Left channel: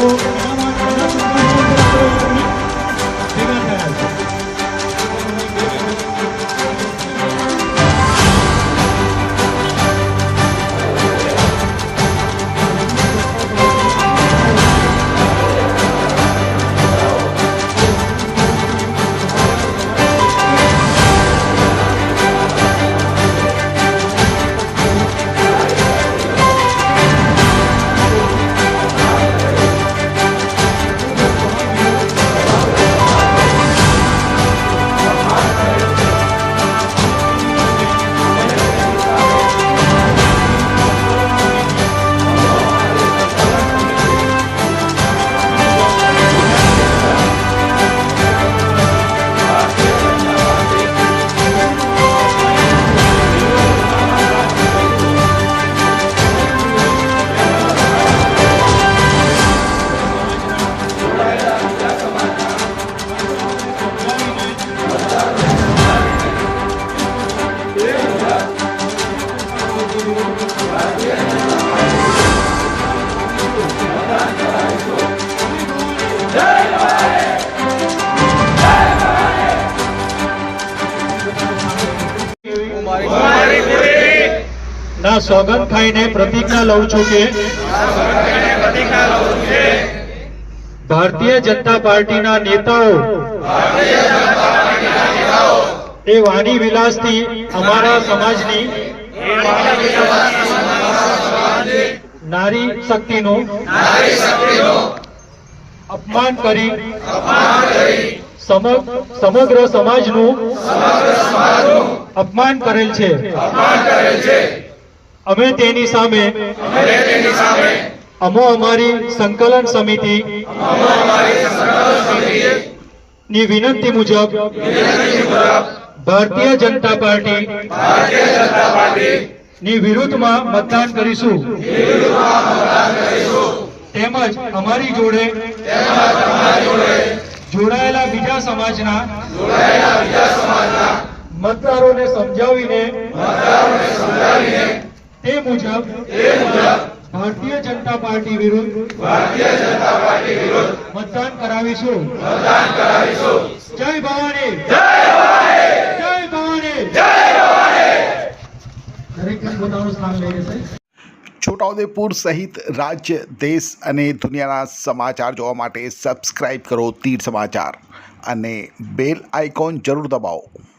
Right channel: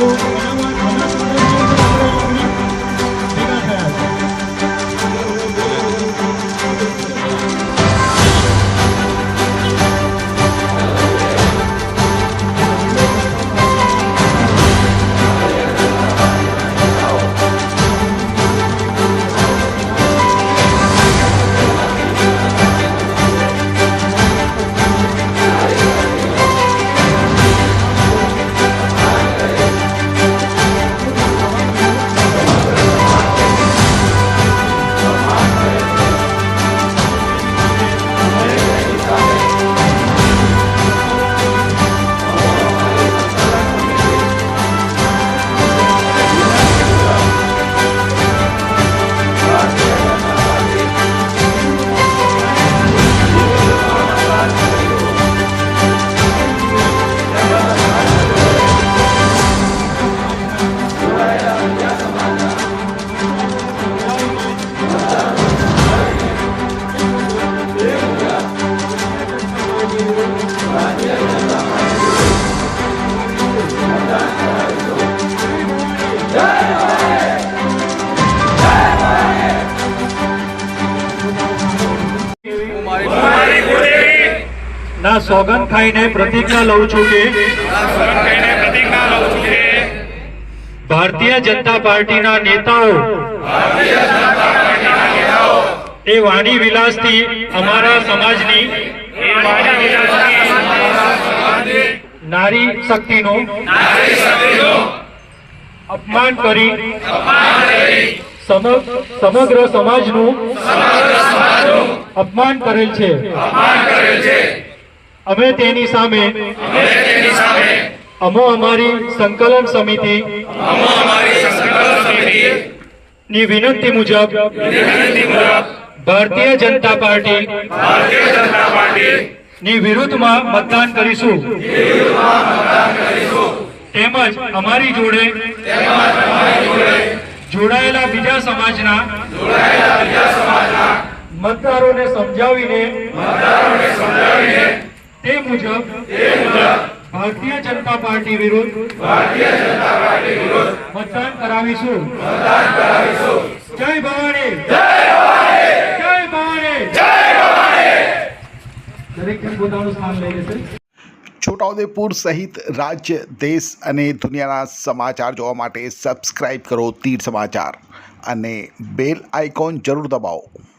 તો એના સંદર્ભમાં ભેગા થયા છે. ના સોગંદ ખાઈને પ્રતિજ્ઞા લઉં છું કે ભારતીય જનતા પાર્ટીના નેતાઓ એ વાણી વિલાસથી અમારા સમાજની નારી શક્તિનું અપમાન કરી સમગ્ર સમાજનું અપમાન કરેલ છે. અમે તેની સામે અમારી સંકલન સમિતિ ની વિનંતી મુજબ ભારતીય જનતા પાર્ટી ની વિરુદ્ધમાં મતદાન કરીશું. તેમજ અમારી જોડે જોડાયેલા બીજા સમાજના મતદારોને સમજાવીને તે મુજબ ભારતીય જનતા પાર્ટી વિરુદ્ધ મતદાન કરાવીશું. જય ભવાની, જય ભવાની. દરેક પોતાનું સ્થાન લઈ લેશે. છોટાઉદેપુર સહિત રાજ્ય, દેશ અને દુનિયાના સમાચાર જોવા માટે સબસ્ક્રાઇબ કરો તીર સમાચાર અને બેલ આઇકોન જરૂર દબાવો.